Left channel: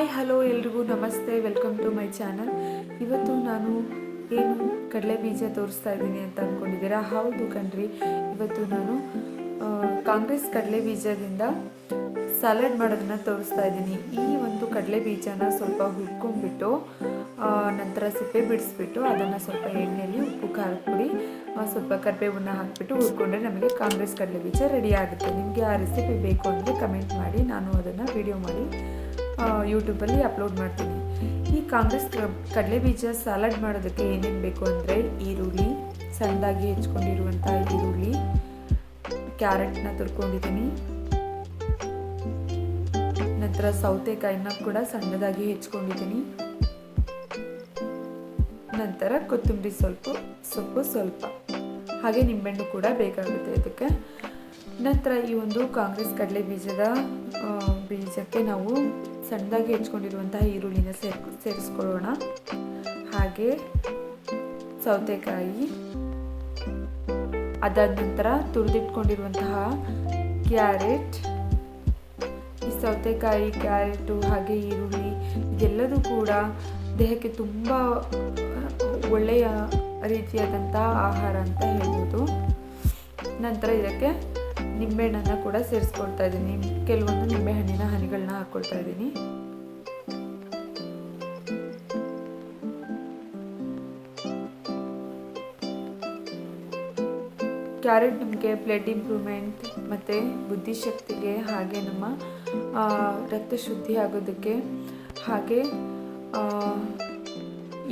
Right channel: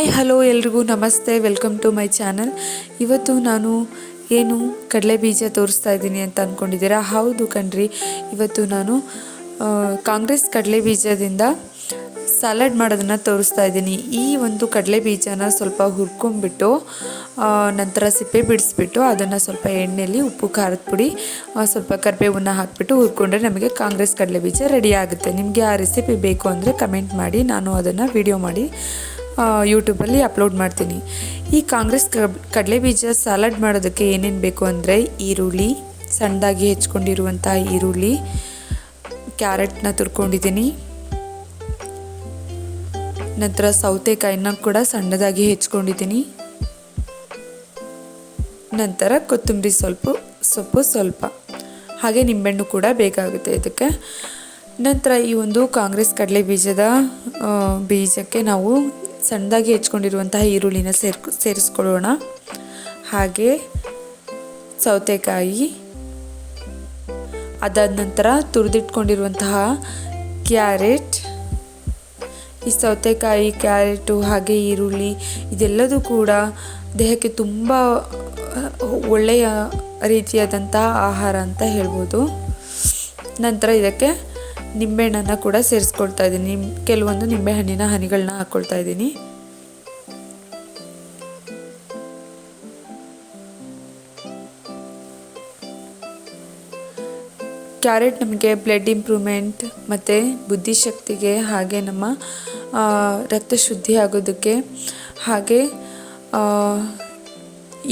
Hi hello ಎಲ್ರಿಗೂ ನಮಸ್ತೆ, welcome to my channel. ಇವತ್ತು ನಾನು ಏನು ಕಡಲೆ ಬೀಜ ತೋರಿಸ್ತಾ ಇದ್ದೀನಿ ಅಂತ ಅಂದ್ಕೊಂಡಿದ್ದೀರಾ? ಹೌದು ಕಣ್ರಿ, ಇವತ್ತು ನಾನು ಕಾಂಗ್ರೆಸ್ ಕಡಲೆ ಬೀಜದಿಂದ ಸಲಾಡ್ ಮಾಡೋದನ್ನು ತೋರಿಸ್ತಾ ಇದ್ದೀನಿ. ಈ ಒಂದು ಕಡಲೆ ಬೀಜನ ಸ್ವಲ್ಪ ಹುರ್ಕೊಂಡ್ಬಿಟ್ಟು ನಂತರ ಸಿಪ್ಪೆ ಬಿಡಿಸ್ಬಿಟ್ಟು ಅದನ್ನು ಸ್ವಲ್ಪ ಎಣ್ಣೆಯಲ್ಲಿ ಉಪ್ಪು ಖಾರದ ಪುಡಿ ಸ್ವಲ್ಪ ಕರಿಬೇವನ್ನ ಹಾಕಿಬಿಟ್ಟು ಹುರ್ಕೊಂಡ್ರೆ ನಮಗೆ ಕಾಂಗ್ರೆಸ್ ಕಡಲೆ ಬೀಜ ರೆಡಿ ಆಗುತ್ತೆ. ನಿಮಗೆ ಆ ರೆಸಿಪಿ ಬೇಕು ಅಂದರೆ ಕಮೆಂಟ್ ಮಾಡಿ, ನಾನು ಅದನ್ನು ವಿಡಿಯೋ ಮಾಡಿ ಯೂಟ್ಯೂಬಲ್ಲಿ ಅಪ್ಲೋಡ್ ಮಾಡ್ತೀನಿ. ಈ ಕಾಂಗ್ರೆಸ್ ಕಡಲೆ ಬೀಜ ಸಲಾಡ್ ಮಾಡೋದಕ್ಕೆ ಏನೇನು ಬೇಕು ಅಂದರೆ ಈರುಳ್ಳಿ, ಸಣ್ಣದಾಗಿ ಹೆಚ್ಕೊಂಡಿರುವಂಥ ಈರುಳ್ಳಿ, ಕ್ಯಾರೆಟ್ನ ತುರ್ಕೊಂಡಿದ್ದೀನಿ, ನಂತರ ಸೌತೆಕಾಯಿನ ಕೂಡ ಸಣ್ಣದಾಗಿ ಹೆಚ್ಕೊಂಡಿದ್ದೀನಿ, ನಂತರ ಕೊತ್ತಂಬರಿ ಸೊಪ್ಪು ಸ್ವಲ್ಪ, ಹಾಗೆ ನಿಂಬೆಹಣ್ಣು ಕೂಡ ಬೇಕಾಗುತ್ತೆ ಇದಕ್ಕೆ. ನಂತರ ಈ ಒಂದು ಕಾಂಗ್ರೆಸ್ ಕಡಲೆ ಬೀಜಕ್ಕೆ ನಾವು ಸಣ್ಣದಾಗಿ ಹೆಚ್ಕೊಂಡಿರುವಂತಹ ಈರುಳ್ಳಿನ ಸೇರಿಸ್ಕೊಳ್ಳೋಣ. ಹಾಗೆ ಸೌತೆಕಾಯಿ, ಅದಾದ ನಂತರ ತುರಿದಿಟ್ಕೊಂಡಿರುವಂತಹ ಕ್ಯಾರೆಟ್. ಈ ಸೌತೆಕಾಯಿ, ಕ್ಯಾರೆಟು ಹಾಗೆ ಈರುಳ್ಳಿ ಇದೆಲ್ಲದೂ ಕೂಡ ದೇಹಕ್ಕೆ ತುಂಬ ಒಳ್ಳೆಯ ರೀತಿಯಾದಂಥ ಆಹಾರ ಅಂತ ಹೇಳ್ಬೋದು. ನಂತರ ಇದಕ್ಕೆ ನಿಂಬೆಹಣ್ಣನ್ನು ಕೂಡ ಸೇರಿಸ್ಕೊಳ್ತಾ ಇದ್ದೀನಿ. ಕೆಲವೊಂದು ನಿಂಬೆಹಣ್ಣಿನ ಹನಿಗಳನ್ನ ಹಾಕ್ಕೊಳ್ತಾ ಇದ್ದೀನಿ. ಕ್ಯಾರೆಟ್ ನಮಗೆ ಬ್ಲಡ್ ಇಂಪ್ರೂವ್ಮೆಂಟ್ ಮತ್ತು ಬುದ್ಧಿಶಕ್ತಿಗೆ, ಹಾಗೆ ನಮ್ಮ ರಕ್ತ ಶುದ್ಧಿ ಆಗೋದಕ್ಕೆ, ಹಾಗೆ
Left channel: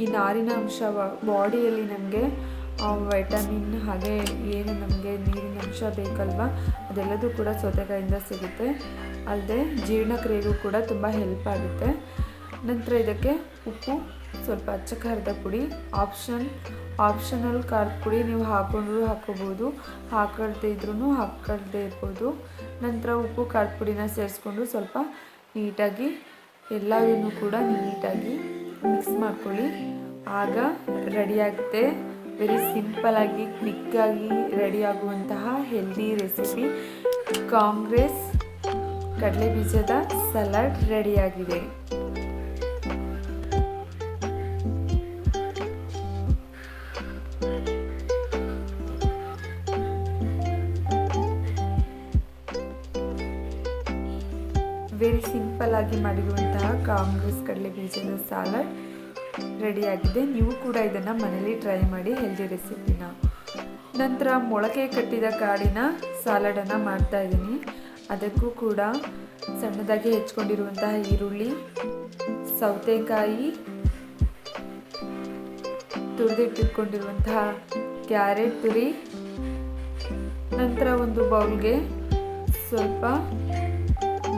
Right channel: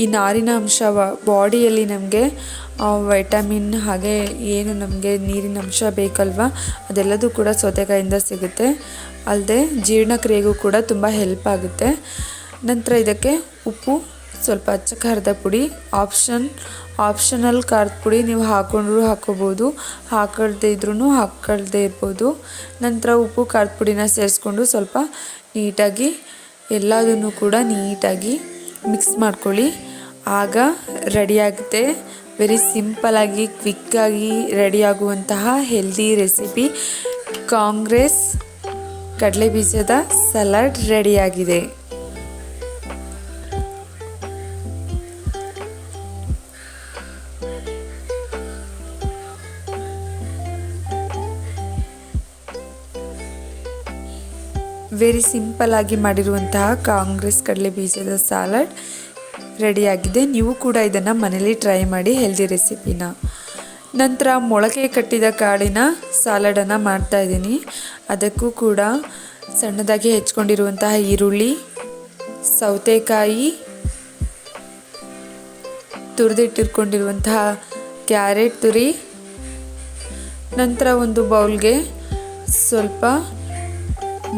ಈ ನಾರಿನ ಅಂಶ ಬಾಡಿಯಲ್ಲಿ ನಮಗೆ ವೈಟಮಿನ್ ಹಾಗೆ ಏನು ನಮಗೆ ನೀರಿನ ಅಂಶ ಬೇಕಲ್ವ ಅದೆಲ್ಲದೂ ಕೂಡ ಸೌತೆಕಾಯಿಂದ ಸಿಗುತ್ತೆ. ಅಲ್ಲದೆ ಜೀರ್ಣಕ್ರಿಯೆಗೂ ಕೂಡ ತುಂಬ ಹೆಲ್ಪ್ ಆಗುತ್ತೆ. ನಂತರ ಇದಕ್ಕೆ ಉಪ್ಪು, ಸ್ವಲ್ಪ ಅಚ್ಚ ಖಾರದ ಪುಡಿ, ಆಪ್ಷನಲ್ ಖಾರದ ಪುಡಿ ನೀವು ಹಾಕೊಂಡ್ರೂ ಹಾಕೋಬೋದು, ಹಾಕಳ್ದೇ ಇರ್ಬೋದು. ನಂತರ ಉಪ್ಪು ಖಾರದ ಪುಡಿನ ಸೇರಿಸ್ಕೊಂಡು ಸ್ವಲ್ಪ ನೀಟಾಗಿ ಎಲ್ಲದನ್ನು ಕೂಡ ನೀಟಾಗಿ ಮಿಕ್ಸ್ ಮಾಡ್ಕೊಳ್ಳಿ. ಆಗ ರೆಡಿಯಾಗುತ್ತೆ. ವೆರಿ ಸಿಂಪಲಾಗಿ ಕ್ವಿಕ್ಕಾಗಿ ರೆಡಿಯಾಗುವಂತಹ ಹೆಲ್ದಿ ರೆಸಿಪಿ ಕಾಂಗ್ರೆಸ್ ಕಡಲೆ ಬೀಜದ ಸಲಾಡ್ ರೆಡಿಯಾಗಿದೆ. ವೆರಿ ಸಿಂಪಲಾಗಿ ಮಾಡಿರುವಂತಹ ಕಾಂಗ್ರೆಸ್ ಕಡಲೆ ಬೀಜದ ಸಲಾಡ್ ರೆಡಿಯಾಗಿದೆ. ನೀವು ಕೂಡ ಇದನ್ನು ಮನೇಲಿ ಟ್ರೈ ಮಾಡಿ, ಹೆಲ್ದಿ ರೆಸಿಪಿನ. ನಂತರ ಮೊಳಕೆ ಕಟ್ಟಿದ ಕಾಳಿನ ಸಲಾಡನ್ನು ಮಾಡ್ತಾ ಇದ್ದೀನಿ. ಅದಕ್ಕೂ ಕೂಡ ಸಣ್ಣದಾಗಿ ಹೆಚ್ಕೊಂಡಿರುವಂತಹ ಈರುಳ್ಳಿ, ಸೌತೆಕಾಯಿ, ತುರಿದಿಟ್ಟಿಟ್ಕೊಂಡಿರುವಂತಹ ಕ್ಯಾರೆಟ್ ತುರಿ, ನಂತರ ಒಂದು ಬೌಲ್ಗೆ ಸ್ವಲ್ಪ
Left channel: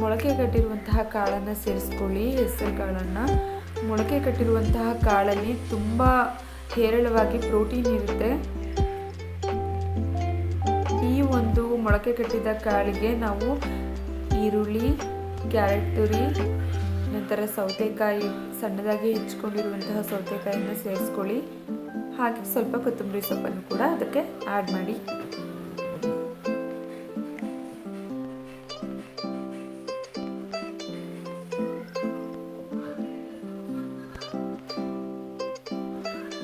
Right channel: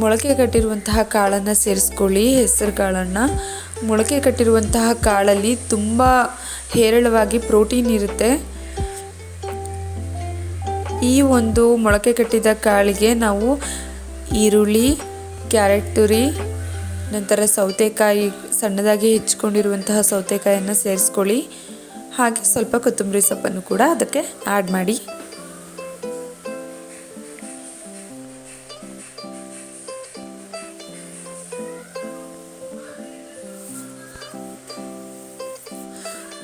ಮೊಳಕೆ ಕಟ್ಟಿರುವಂತಹ ಕಾಳನ್ನು ಸೇರಿಸ್ಕೊಳ್ಳಿ. ಹೆಸರು ಕಾಳನ್ನು. ಮೊಳಕೆ ಕಟ್ಟಿರುವಂತಹ ಕಾಳಲ್ಲಿ ತುಂಬ ಹೇರಳವಾಗಿ ಪ್ರೋಟೀನ್ ಇರುತ್ತೆ. ಈ ಒಂದು ಮೊಳಕೆ ಕಟ್ಟಿದ ಕಾಳಿಗೆ ನಾವು ಈರುಳ್ಳಿ, ಕ್ಯಾರೆಟ್ ತುರಿ, ನಂತರ ಸೌತೆಕಾಯಿ, ಸಣ್ಣದಾಗಿ ಹೆಚ್ಕೊಂಡಿರುವಂತಹ ಸೌತೆಕಾಯಿಯನ್ನು ಸೇರಿಸ್ಕೊಳ್ಳಿ. ಹಾಗೆ ಸ್ವಲ್ಪ ಕೊತ್ತಂಬರಿ ಸೊಪ್ಪನ್ನು ಕೂಡ ಅದಕ್ಕೆ ಆ್ಯಡ್ ಮಾಡಿ.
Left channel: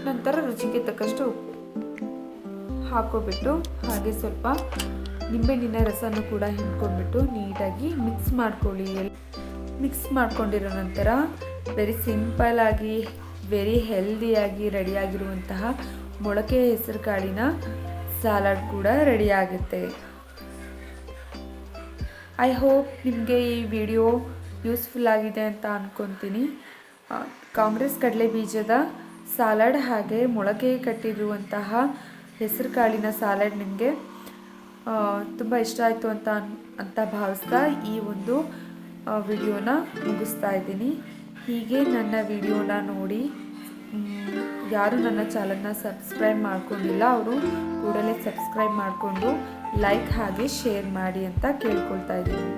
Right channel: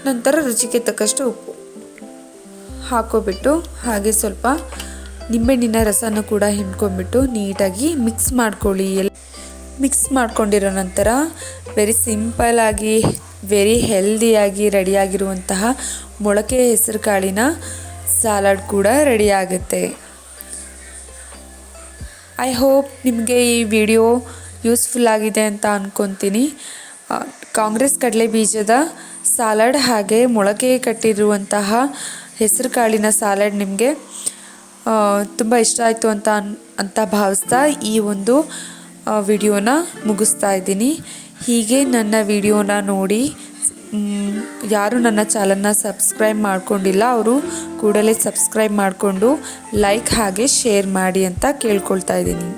ನಂತರ ರುಚಿಗೆ ತಕ್ಕಷ್ಟು ಉಪ್ಪು ಹಾಕೋಬಿಟ್ಟು, ಹಾಗೆ ಸ್ವಲ್ಪ ನಿಂಬೆಹಣ್ಣಿನ ರಸನ ಕೂಡ ಹಿಂಡ್ಕೊಂಡ್ಬಿಟ್ಟು ನೀಟಾಗಿ ಮಿಕ್ಸ್ ಮಾಡ್ಕೊಳ್ಳಿ. ಮಿಕ್ಸ್ ಮಾಡ್ಕೊಂಡಿರೋ ನಂತರ ವೆರಿ ಸಿಂಪಲಾಗಿ ವೆರಿ ಹೆಲ್ದಿಯಾಗಿ ರೆಡಿಯಾಗಿರುವಂತಹ ಮೊಳಕೆ ಹೆಸರು ಕಾಳಿನ ಸಲಾಡ್ ಕೂಡ ರೆಡಿಯಾಗುತ್ತೆ. ಐ ಹೋಪ್ ನಿಮಗೆ ಈ ವಿಡಿಯೋ ಯೂಸ್ಫುಲ್ ಆಗಿದೆ ಅಂತ ಅಂದ್ಕೊತೀನಿ. ಕಾಂಗ್ರೆಸ್ ಕಡಲೆ ಬೀಜದ ಸಲಾಡ್ ಹಾಗೆ ಮೊಳಕೆ ಕಟ್ಟಿರುವಂತಹ ಹೆಸರು ಕಾಳಿನ ಸಲಾಡ್ ನಿಮಗೆ ತುಂಬ ಇಷ್ಟ ಆಯಿತು ಅಂತ ಭಾವಿಸ್ತಾ ಈ ಒಂದು ವಿಡಿಯೋನ ಮುಗಿಸ್ತಾ ಇದ್ದೀನಿ. ಹೀಗೆ ನನ್ನ ವಿಡಿಯೋನ ನೋಡಿ ಯಾರು ನನ್ನ ಚಾನಲ್ನ ಸಬ್ಸ್ಕ್ರೈಬ್ ಮಾಡ್ಕೊಂಡಿಲ್ಲ ಅವರು ಕೂಡಲೇ ಸಬ್ಸ್ಕ್ರೈಬ್ ಮಾಡಿಕೊಂಡು ಲೈಕ್ ಹಾಗೆ ಶೇರ್ ಮಾಡಿ ಅಂತ ಕೇಳ್ಕೊಳ್ತಾ ಇದ್ದೀನಿ.